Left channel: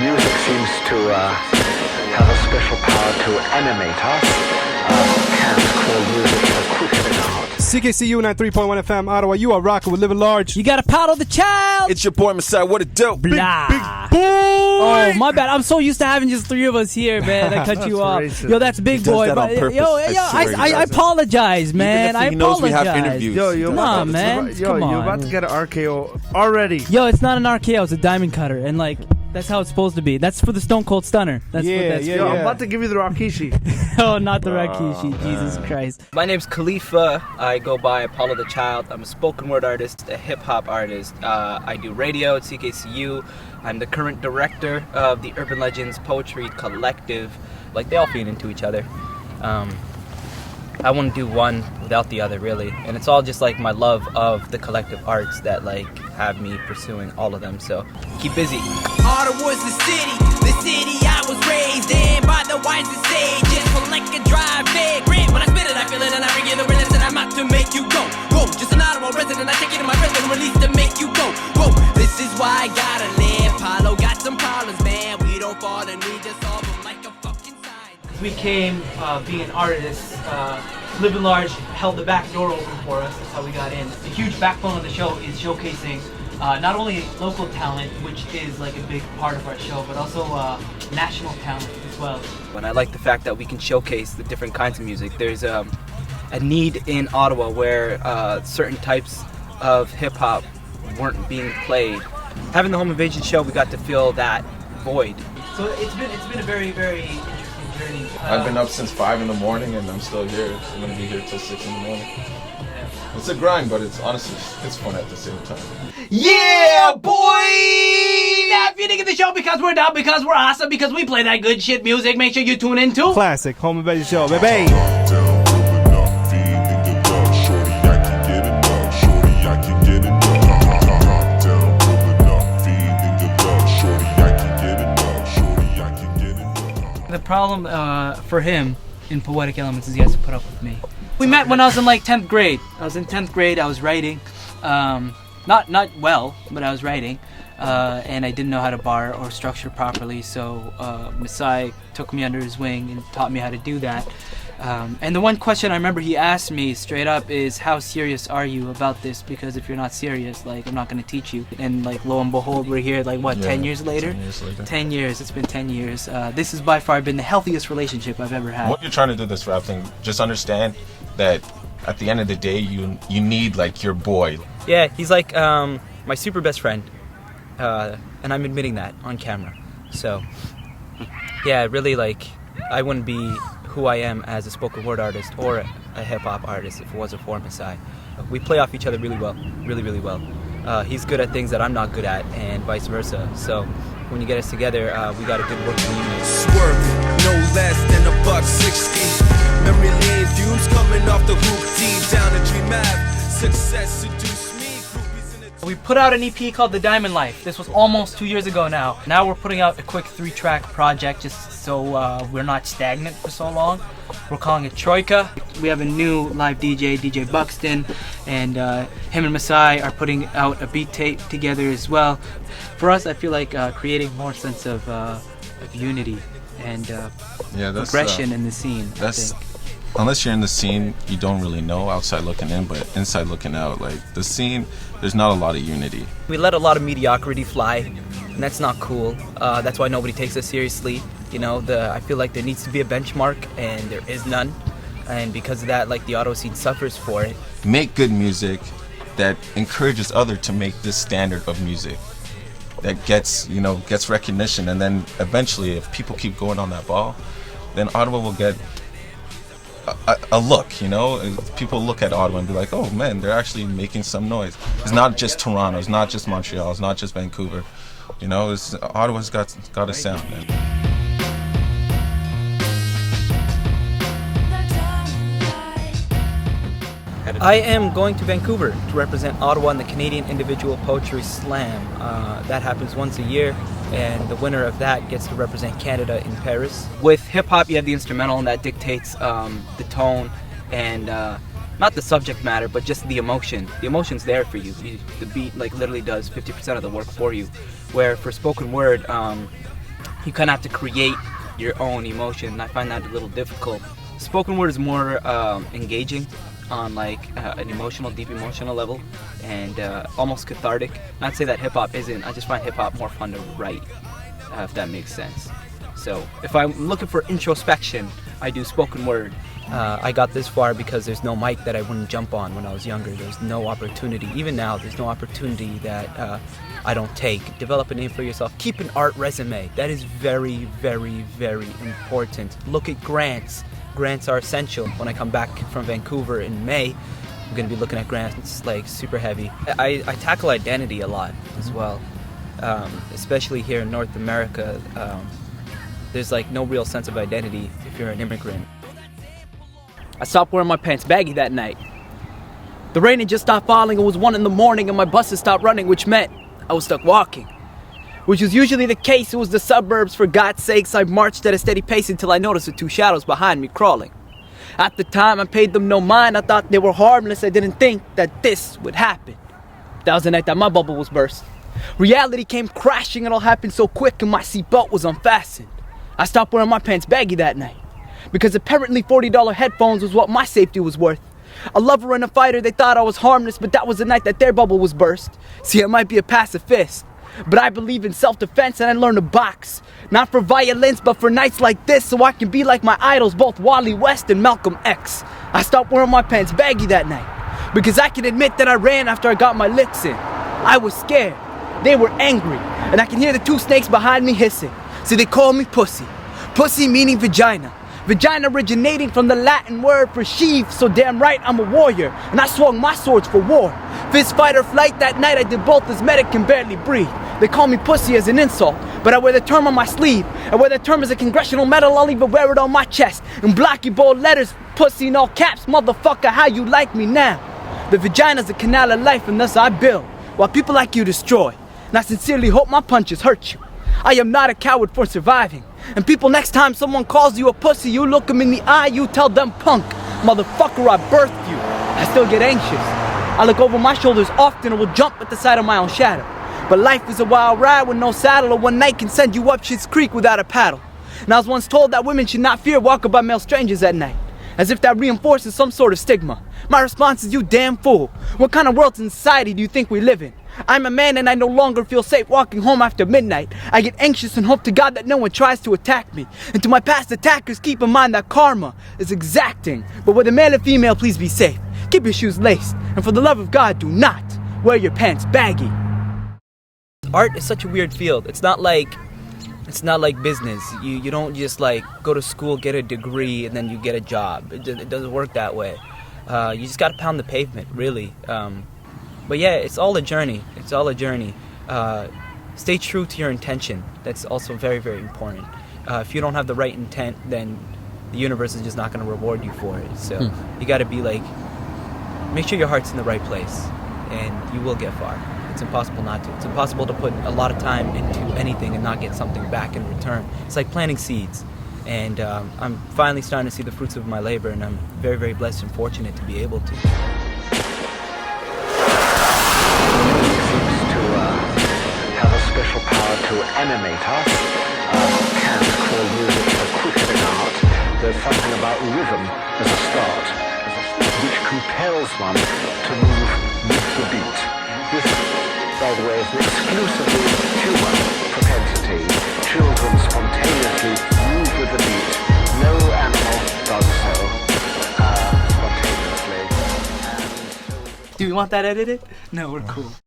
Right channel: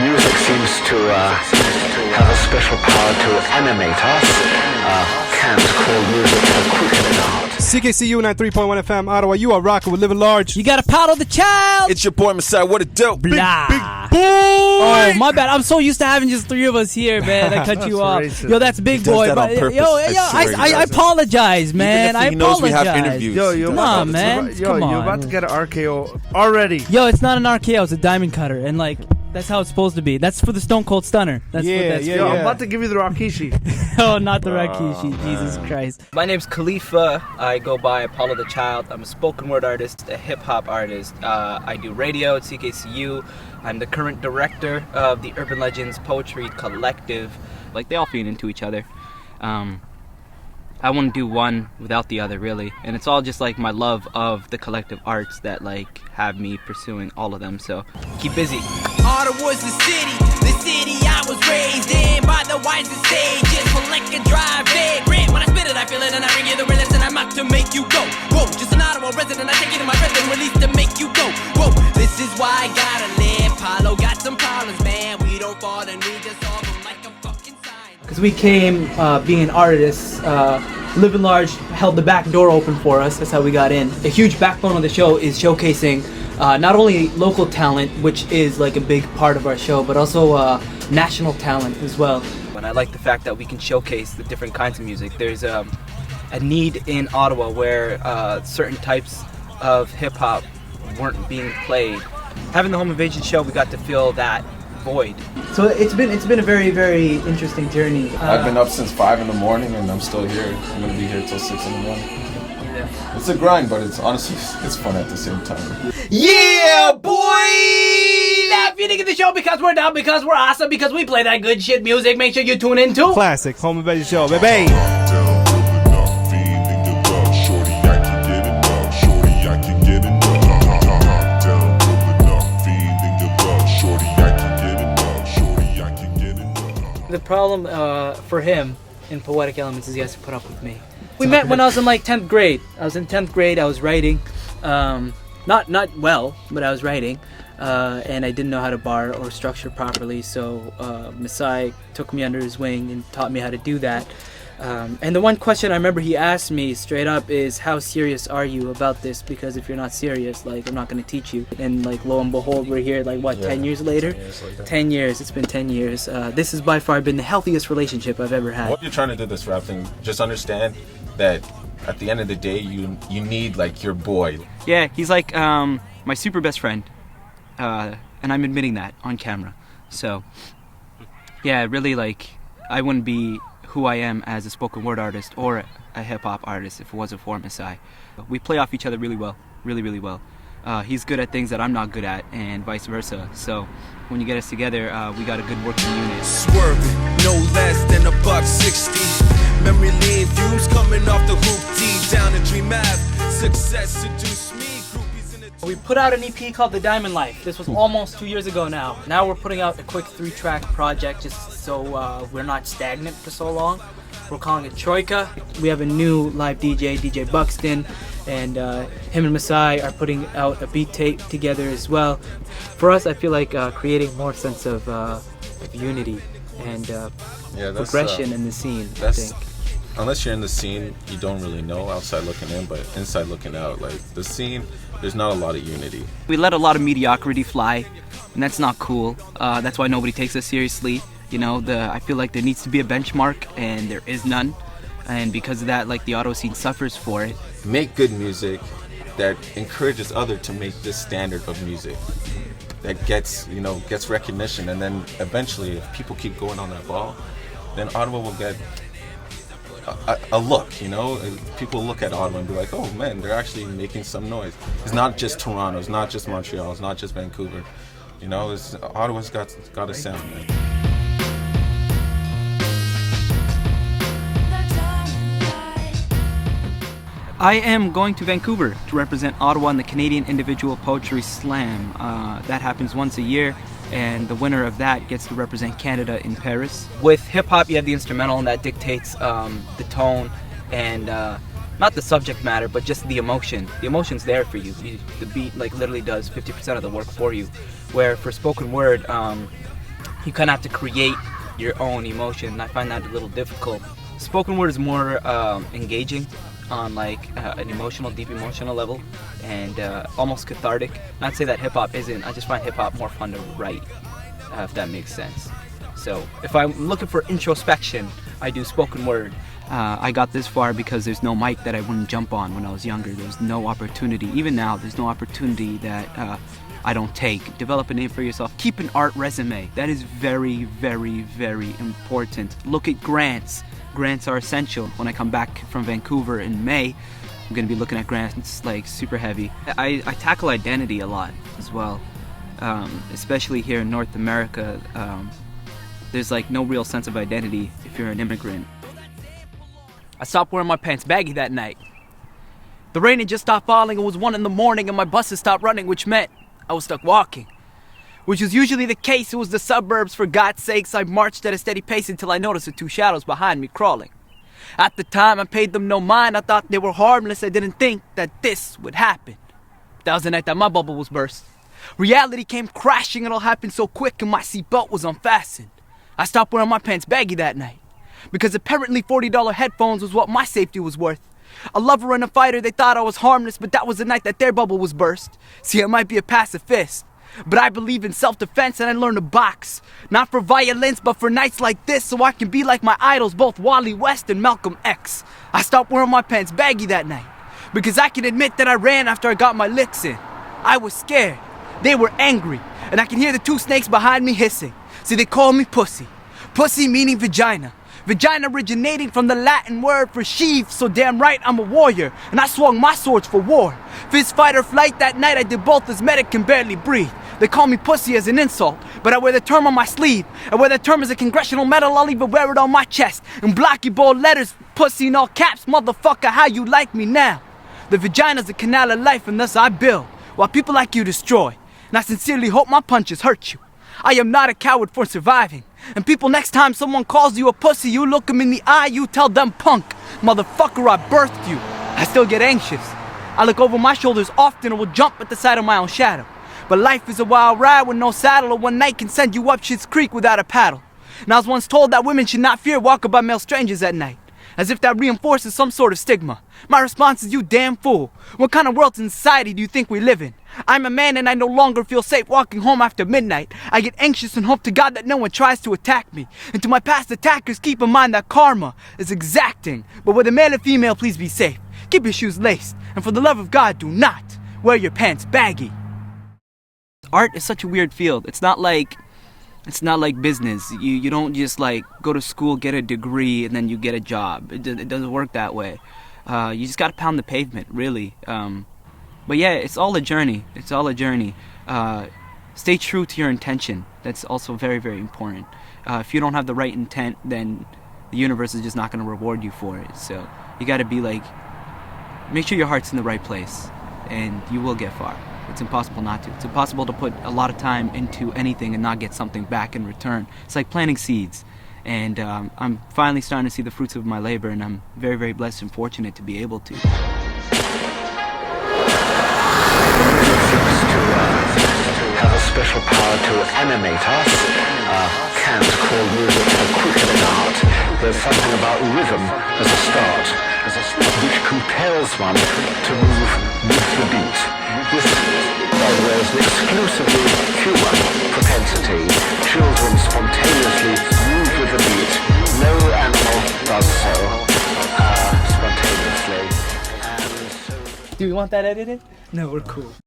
music seems to have a special power to animate us. Can't call music a quick art. CKCU 93.1 FM, Ottawa. You are rocking with Living Large. You gotta paddle the child. It's your boy Messiah. What a dope. Blah. Big boy. Oh, my bad. I'm so used to having just three of us here, man. I cut you off. racist. Yo, that's big He does boy. that on purpose. I apologize, man. Even if he knows we have interviews. Yo, you're Nah, about, man. Yo, Come you're on. about to get an RKO already. Yo, it's not an RKO. It's a diamond cutter, and like that's how it's supposed to be. That's for the Stone Cold Stunner. That's what that's Yo, for. I'm about to give you the Rakishi. Oh, not the Rakishi. Jesus Christ. My name's Khalifa. I go by Apollo the Child. I'm a spoken word artist, a hip hop artist. I do radio at CKCU. I'm the current director of the Urban Legends Poetry Collective. Like, they all feed into each other. I wouldn't do one without the other, really. And it's all just like my love of the collective arts that like have me pursuing all of them. So keep busy. Ottawa's the city I was raised in by the wisest sages. For like a drive vagrant. When I spit it, I feel it, and I bring you the realest, and I'm out to make you go. Whoa, just an Ottawa resident, I take it in my breath and release to make you go. Whoa, this is why I gotta live. Paulo got some problems, man. We don't fall and we just solve them like a fucking sign. Because we came being artists, Living Large held the back door open for us. That's how we got in. A huge backbone of the show is showcasing not only local talent, which is like a big part of our show, but also national talent as well. And I like the fact that we can showcase the different kinds of music. There's a need in Ottawa where certain types of hip hop weren't being played. Having the Home Invasion show, we got to fill that void. So it's been a very, very interesting journey. I've been up since 5 in the morning and I'm still here. I'm gonna be here till 6 in the morning. It's a grind, but it's honestly it's fun at the same time. Yeah, boy! That feeding in the show because we're down, because we're awesome, because we play that good shit music. Make sure you tune in too. Classic Home Invasion Show, baby. The problem for him in Poetic Elements is he has to put up with me. We met when I was in like 10th grade. I was in 10th grade. I was writing, not well, but I was writing, and I didn't know how to bar or structure properly. So Masai took me under his wing and taught me how to do that. And the one question I remember he asked me straight up is, how serious are you about this? Because if you're not serious, like, I'm not going to teach you. And like, lo and behold, we're here like, what, 10 years later? 10 years. It's been 10 years. This has by far been the healthiest relationship I've ever had. When you're trying to do this rap thing, just understand that at the end of the day, you need like your boy. Yeah, he's like my super best friend. And I'm admitting that on camera. So, yeah, really, like, I wouldn't be who I am as a spoken word artist or a hip-hop artist if it wasn't for Masai. We play off each other really well, really well. He's good at things that I'm not good at, and vice versa. So when you get us together, we got a good working unit. Swerving, no less than $1.60. Memory lane fumes coming off the hoop, deep down the Dream Ave. Success seduced me. Groupies in the We put out an EP called The Diamond Life. This was almost 2 years ago now. Now we're putting out a quick 3-track project just so we're not stagnant for so long. We're calling it Troika. We have a new live DJ, DJ Buxton, and him and Masai are putting out a beat tape together as well. For us, I feel like creating more sense of unity and progression in the scene. I think. Unless you're in the scene, you don't really know outside looking in, but inside looking out, like the scene, there's not a lot of unity. We let a lot of mediocrity fly, and that's not cool. That's why nobody takes us seriously. You know, I feel like there needs to be a benchmark, and there is none. And because of that, like, the auto scene suffers for it. Make good music that encourages others to make this standard of music that gets recognition, and then eventually, if people keep going on that ball, then Ottawa will get a look, you know? People look at Ottawa and be like, oh man, they're actually making some noise. It's not just Toronto, it's not just Montreal, it's not just Vancouver. You know, Ottawa's got a sound, man. I am going to Vancouver to represent Ottawa in the Canadian Individual Poetry Slam. That happens once a year, and the winner of that gets to represent Canada in Paris. With hip-hop, you have the instrumental, and that dictates the tone and not the subject matter, but just the emotion. The emotion's there for you. The beat like literally does 50% of the work for you. Where for spoken word, you kind of have to create your own emotion, and I find that a little difficult. Spoken word is more engaging on like an emotional, deep emotional level, and almost cathartic. Not to say that hip hop isn't. I just find hip hop more fun to write, if that makes sense. So if I'm looking for introspection, I do spoken word. I got this far because there's no mic that I wouldn't jump on when I was younger. There's no opportunity. Even now, there's no opportunity that I don't take. Develop a name for yourself. Keep an art resume. That is very, very, very important. Look at grants. Grants are essential. When I come back from Vancouver in May, I'm going to be looking at grants like super heavy. I tackle identity a lot as well, especially here in North America. There's like no real sense of identity if you're an immigrant. I stopped wearing my pants baggy that night. The rain had just stopped falling. It was 1 in the morning and my bus had stopped running, which meant I was stuck walking. Which was usually the case. It was the suburbs, for God's sakes. I marched at a steady pace until I noticed the 2 shadows behind me crawling. At the time, I paid them no mind. I thought they were harmless. I didn't think that this would happen. That was the night that my bubble was burst. Reality came crashing. It all happened so quick and my seatbelt was unfastened. I stopped wearing my pants baggy that night, because apparently $40 headphones was what my safety was worth. A lover and a fighter, they thought I was harmless, but that was the night that their bubble was burst. See, I might be a pacifist, but I believe in self-defense and I learned to box. Not for violence, but for nights like this, so I can be like my idols, both Wally West and Malcolm X. I stopped wearing my pants baggy that night, because I can admit that I ran after I got my licks in. I was scared, they were angry, and I can hear the 2 snakes behind me hissing. So they call me pussy. Pussy meaning vagina. Vagina originating from the Latin word for sheath, so damn right I'm a warrior, and I swung my swords for war. Fist fight or flight that night, I did both as medic can barely breathe. They call me pussy as an insult, but I wear the term on my sleeve. I wear that term as a congressional medal, I'll even wear it on my chest. In blocky bold letters, pussy in all caps, motherfucker, how you like me now? The vagina's a canal of life, and thus I build, while people like you destroy. And I sincerely hope my punches hurt you. I am not a coward for surviving. And people, next time someone calls you a pussy, you look them in the eye, you tell them punk. Motherfucker, I birthed you. I still get anxious. I look over my shoulders often and will jump at the sight of my own shadow. But life is a wild ride with no saddle, or one night can send you up Shit's Creek without a paddle. And I was once told that women should not fear walking by male strangers at night, as if that reinforces some sort of stigma. My response is, you damn fool. What kind of world and society do you think we live in? I'm a man and I no longer feel safe walking home after midnight. I get anxious and hope to God that no one tries to attack me. And to my past attackers, keep in mind that karma is exacting. But with a male and female, please be safe. Keep your shoes laced. And for the love of God, do not wear your pants baggy. Art is such a weird field. It's not like business. You don't just like go to school, get a degree, and then you get a job. It doesn't work that way. You just gotta pound the pavement, really. But yeah, it's all a journey. It's all a journey. Stay true to your intention. That's also very, very important. If you don't have the right intent, then the universe is just not gonna reward you for it. So you gotta be like, make sure your heart's in the right place, and you will get far. It's impossible not to. It's impossible to put a lot of time into anything and not get something back in return. It's like planting seeds. And I'm finally starting to see the fruits of my labor, and I'm very, very blessed and fortunate to be able to. Music seems to have a special power to animate us. Kant called music a quickening art. There's something about rhythm as a start, which compels one to move with the beat. This, by the way, is an exclusively human propensity. Children spontaneously move with the beat. No animal does so spontaneously. Do you want that edited? No, we're cool.